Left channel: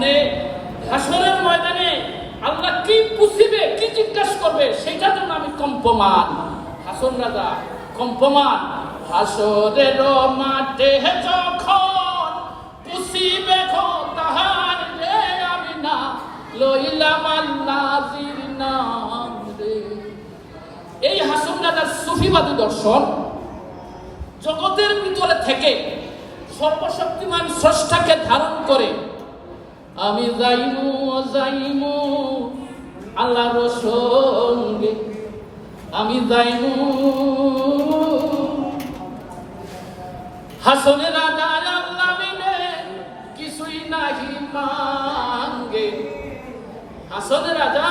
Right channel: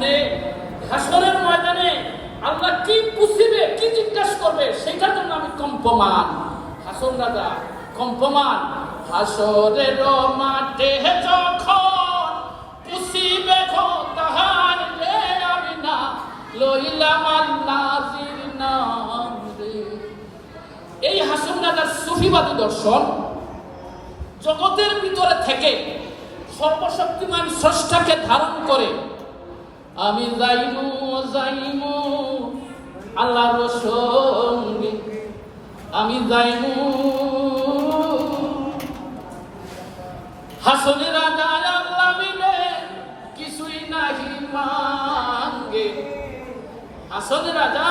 সামনে হাসরের ময়দানে আল্লাহ কি পুছিবে, কি জিজ্ঞাসা করবে, সেটার জন্য আমি কম্পমান। হাসন রাজা কম্পমান। হাসরের মাঠে যখন পুছিবে তাহার রে, আমি না লইলাম নাজির নাম রে। এই হাসন রাজার সুফিবাদী দর্শন জগতের ভিতরে থেকে সর্বশক্তিমান স্রষ্টাকে ধারণ করে আমি যাইমু আল্লাহর সঙ্গে, আমি যাইমু হাসনের রাজায় আল্লাহ বিনে কিছুই নাহি মাঙ্গে। হাসনের রাজা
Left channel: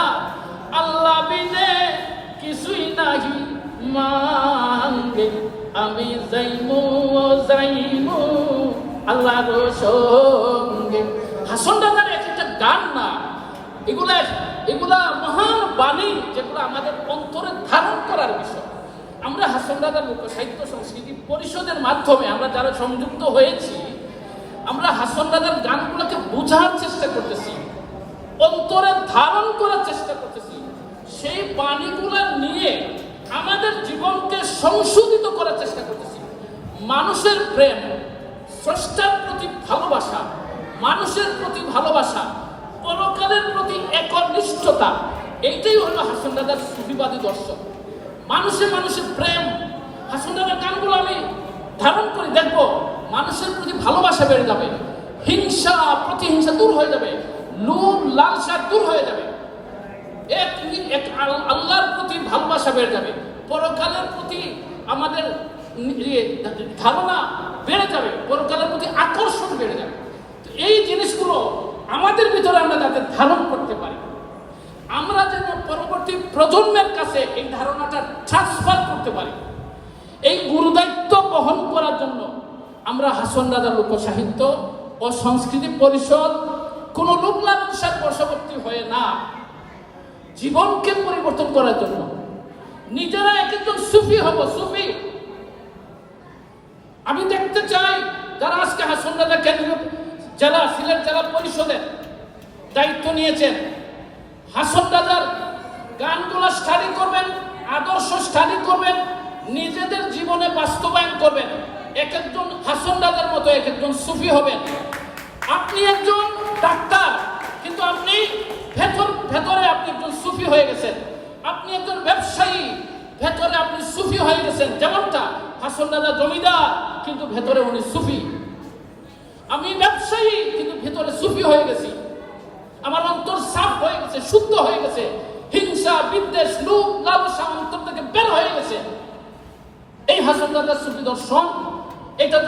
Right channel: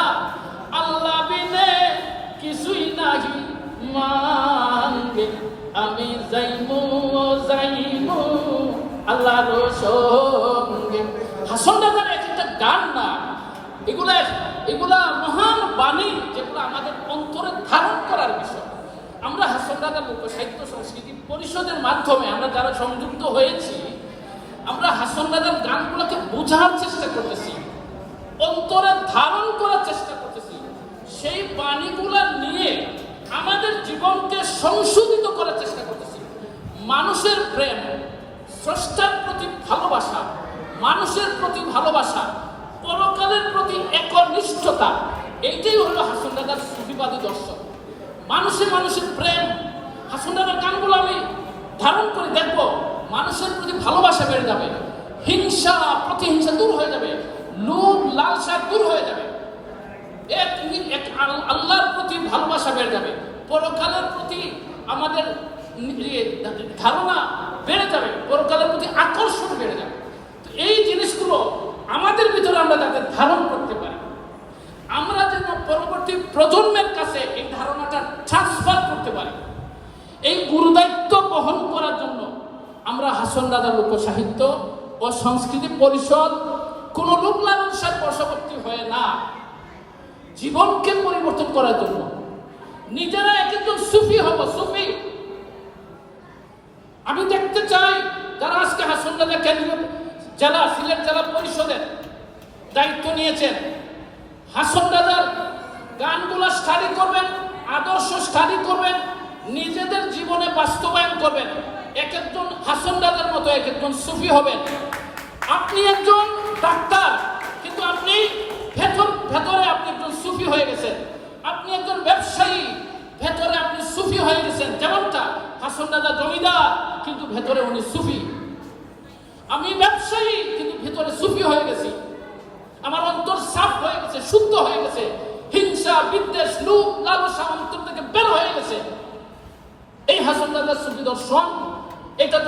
আল্লাহ বিনে কিছুই নাহি মাঙ্গে, আমি যাইমু আল্লাহর সঙ্গে। হাসন রাজার একটা গান না, এগুলা মহান বাণী, যেগুলো আমাদের অন্তরে ধারণ করার বিষয়। আমরা হাসন রাজার লোক সাহিত্য সংস্কৃতি পরিষদের মাধ্যমে আমরা যারা সংযুক্ত হয়েছি, আমরা হাসন রাজার গানগুলোকে বোঝার চেষ্টা করতেছি, অন্তরে ধারণ করার চেষ্টা করতেছি। সেই বাণীগুলা নিয়ে আমাদের জীবনকে সংশোধিত করার চেষ্টা করতেছি। মানুষের প্রেম, স্রষ্টার প্রতি ভালোবাসা, মানুষের প্রতি ভালোবাসা, পরকালের প্রতি একনিষ্ঠতা, এইটাই হলো হাসন রাজার সুফিবাদী দর্শন। মানুষের প্রেম। হাসন রাজার গানগুলো আমি ধারণ করে দেখবো, মানুষের প্রতি ভালোবাসা বেড়ে যাবে, হিংসা প্রতিহিংসা দূর হয়ে যাবে, লোভ লালসা দূর হয়ে যাবে, আল্লাহর প্রতি ভালোবাসা বেড়ে যাবে, পরকালের প্রতি আমাদের ধারণা বেড়ে যাবে, পরকালের প্রতি আকর্ষণ বেড়ে যাবে। তো এই জিনিসগুলো আমাদের ভিতরে আমরা যাতে ধারণ করতে পারি, আমরা যেন পরবর্তী প্রজন্মের কাছে এই ধারণাটা ট্রান্সফার করতে পারি, এই গুরুদায়িত্ব বহন করার জন্য আমরা হাসন রাজার লোক সাহিত্য ও সংস্কৃতি পরিষদ কোনো লোক লালসার বশবর্তী হয়ে না, জীবনকে পরিবর্তন করার জন্য নিজেরা একজন সুফি হব। সুফি আমি দেখতে চাই যারা আজকে হাসন রাজা কেন্দ্রীয় জেলা সিলেট জেলা পরিষদের দায়িত্ব নিয়েছেন, হাসন রাজার গানগুলো স্টাডি করবেন, আদর্শ স্টাডি করবেন, নিজেদের জীবনে বাস্তবায়ন করবেন, এক একজন হাসন রাজার মতো এক একজন সুফি হবেন। আপনি একজন ডাক্তার, কিন্তু আপনি ভেতরে আপনি একজন সুফি হয়ে গেছেন। আপনি একজন ব্যবসায়ী, ভেতরে আপনি সুফি হয়ে গেছেন। যেমনটা হাসন রাজা জমিদার, কিন্তু ভেতরে উনি সুফি। আমি ব্যবসায়ী, কিন্তু ভেতরে সুফি হয়ে গেছি। আমার অন্তর সাফ হয়ে গেছে, শুদ্ধ হয়ে গেছে, হিংসা বিদ্বেষ লোভ লালসা অন্তর থেকে বের হয়ে গেছে। এই হাসন রাজার সুফি দর্শন, এটা